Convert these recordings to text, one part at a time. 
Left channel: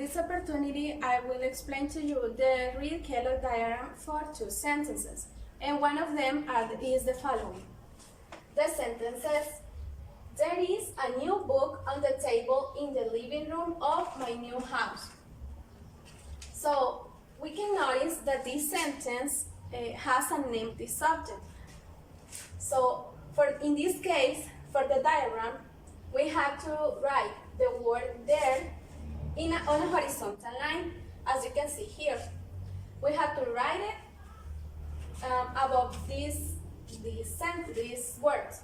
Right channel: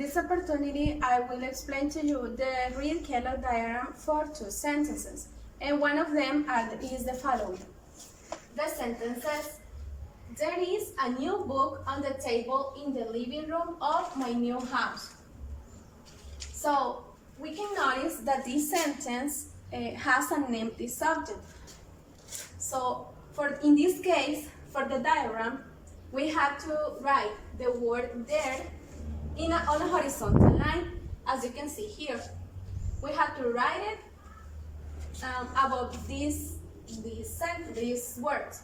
this opportunity, I will explain to you the real-Kellogg diagram for two sentences, and one of them is the following. The sentence says, "There is a new book on the table in the living room of my new house." So we can notice that this sentence has an empty subject. So in this case, for the diagram, we have to write the word "there" on a horizontal line, as you can see here. We have to write it above these words.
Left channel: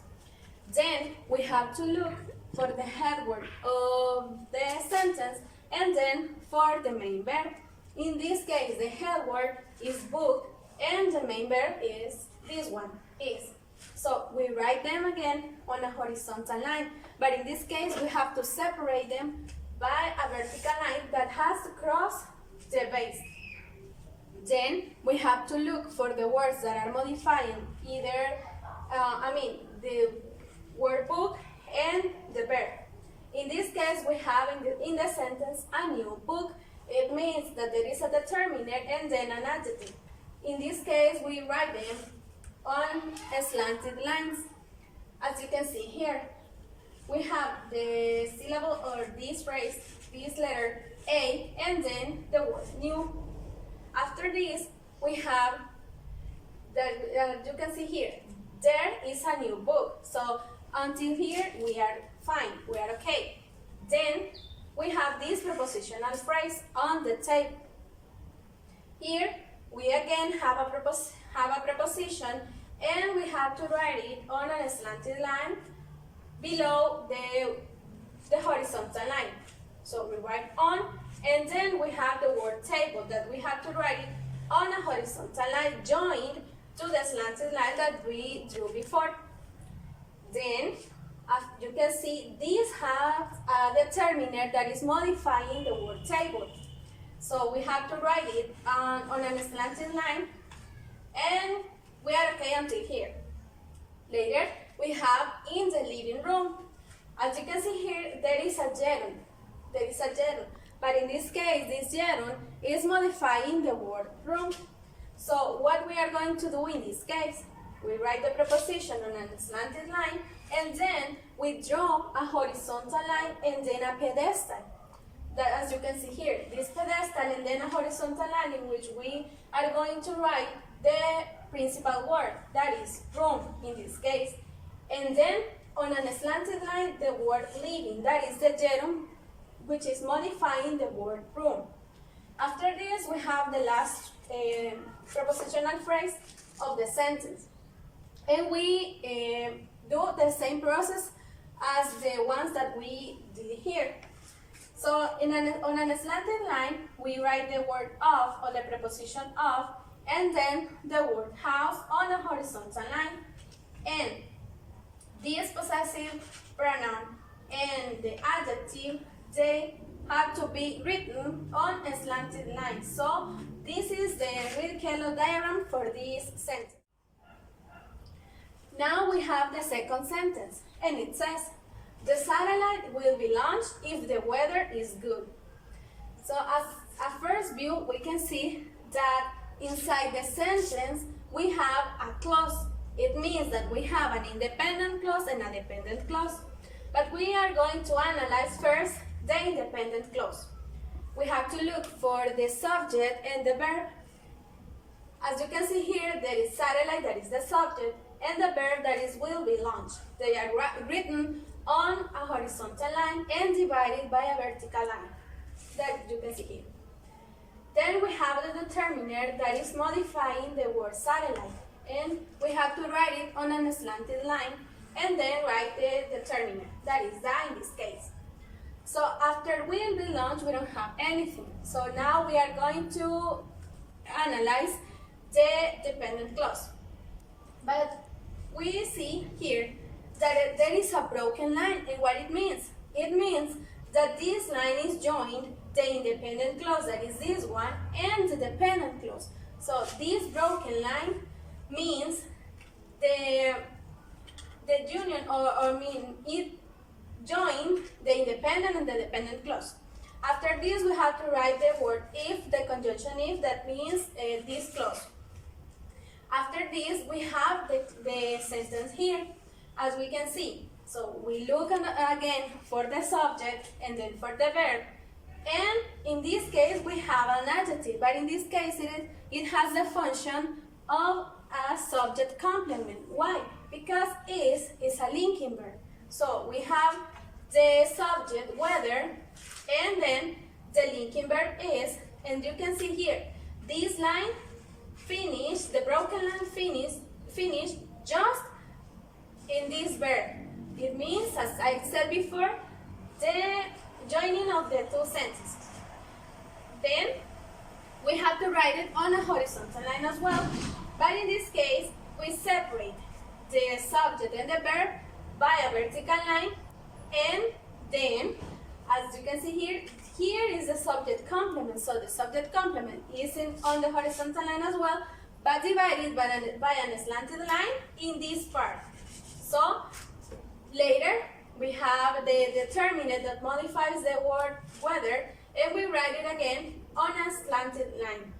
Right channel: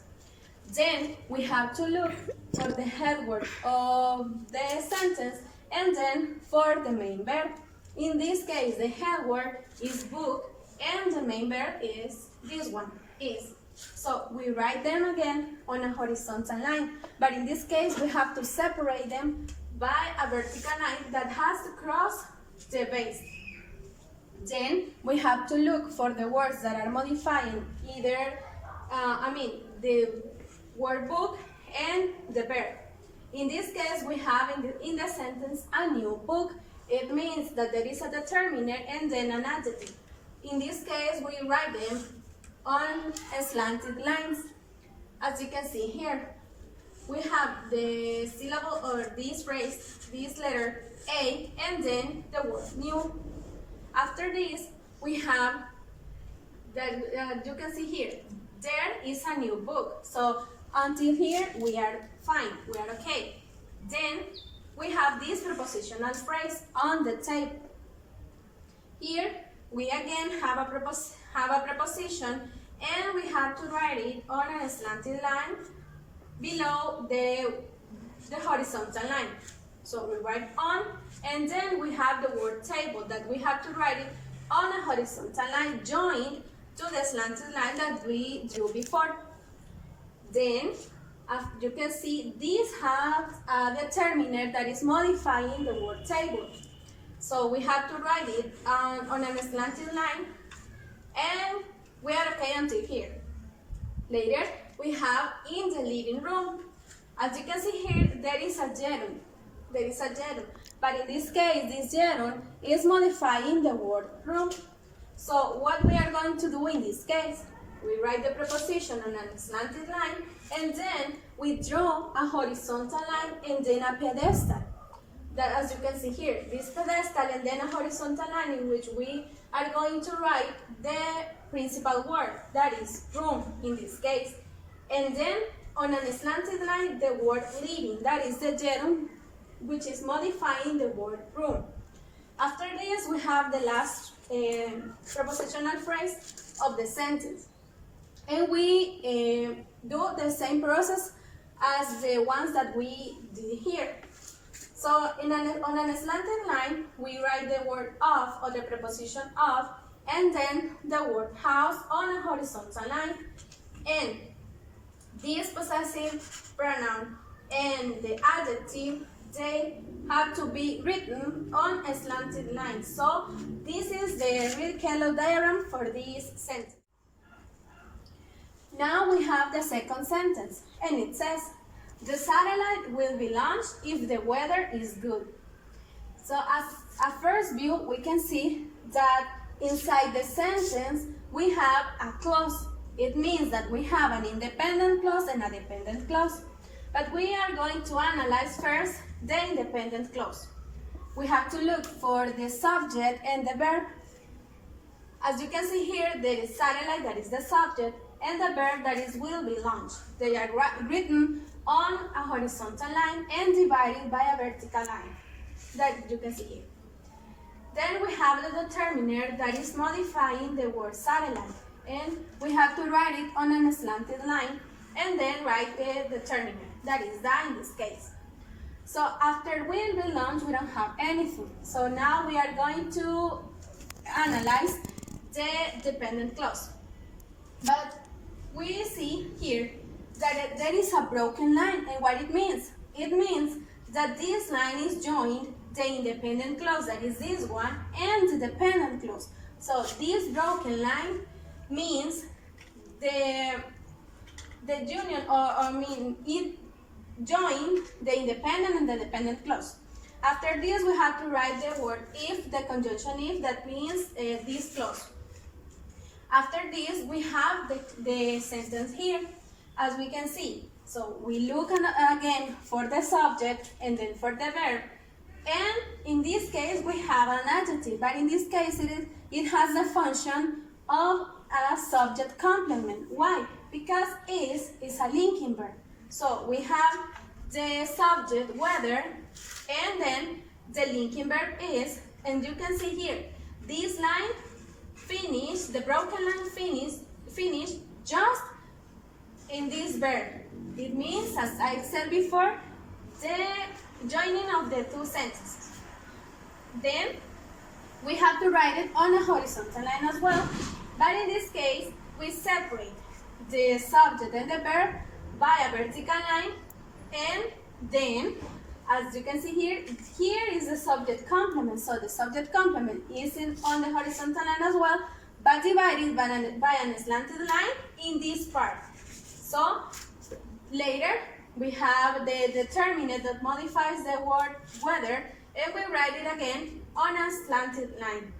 Then we have to look for the head word of the sentence and then for the main verb. In this case, the head word is book and the main verb is this one, is. So we write them again on a horizontal line, but in this case we have to separate them by a vertical line that has to cross the base. Then we have to look for the words that are modifying either, the word book and the verb. In this case, we have in the sentence a new book. It means that there is a determiner and then an adjective. In this case, we write them on slanted lines. As you can see here, we have the syllable or this phrase, this letter A, and then the word new. After this, we have that you can see here, there is a new book. So until here, we are fine, we are okay. Then we have this prepositional phrase on the table. Here, we again have a preposition, and we have to write it on a slanted line below the horizontal line. So we write on, and then we have the word table that we have to write it on a horizontal line joined to the slanted line that we drew before. Then, as you can see, this has a determiner that is modifying the word table. So we have to write it on a slanted line, and we are okay until here. Later, we have in the living room. As you can see here, there is a gerund. But in this case, this gerund is modifying the word room. So what we are going to do in this case, we write the preposition on a slanted line, and then we draw a horizontal line and then a pedestal. That, as you can see here, this pedestal and then a horizontal line in which we are going to write the principal word, that is room in this case. And then on a slanted line, the word living, that is the gerund, which is modifying the word room. After this, we have the last prepositional phrase of the sentence. And we do the same process as the ones that we did here. So on a slanted line, we write the word of or the preposition of, and then the word house on a horizontal line. And this possessive pronoun and the adjective, they have to be written on a slanted line. So this is the real Kellogg diagram for this sentence. Now we have the second sentence, and it says, "The satellite will be launched if the weather is good." So as a first view, we can see that inside the sentence, we have a clause. It means that we have an independent clause and a dependent clause. But we are going to analyze first the independent clause. We have to look for the subject and the verb. As you can see here, there is satellite, that is the subject, and the verb, that is will be launched. They are written on a horizontal line and divided by a vertical line, that you can see here. Then we have the determiner that is modifying the word satellite, and we have to write it on a slanted line and then write the determiner, that is that in this case. So after will be launched, we don't have anything. So now we are going to analyze the dependent clause. But we see here that there is a broken line, and what it means? It means that this line is joined the independent clause, that is this one, and the dependent clause. So this broken line means the union, it joined the independent and the dependent clause. After this, we have to write the word if, the conjunction if, that means this clause. After this, we have the sentence here, as we can see. So we look again for the subject and then for the verb. And in this case, we have an adjective, but in this case, it has the function of a subject complement. Why? Because is a linking verb. So we have the subject, whether, and then the linking verb is, and you can see here, this line finished, the broken line finished just in this verb. It means, as I said before, the joining of the two sentences. Then we have to write it on a horizontal line as well, but in this case, we separate the subject and the verb by a vertical line, and then, as you can see here is the subject complement. So the subject complement is on the horizontal line as well, but divided by an slanted line in this part. So later we have the determinant that modifies the word whether, and we write it again on a slanted line.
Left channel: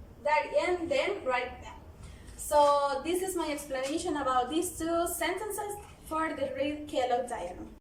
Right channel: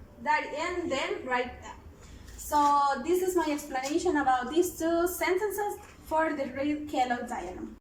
And then write that. So this is my explanation about these two sentences for the Reed-Kellogg diagram.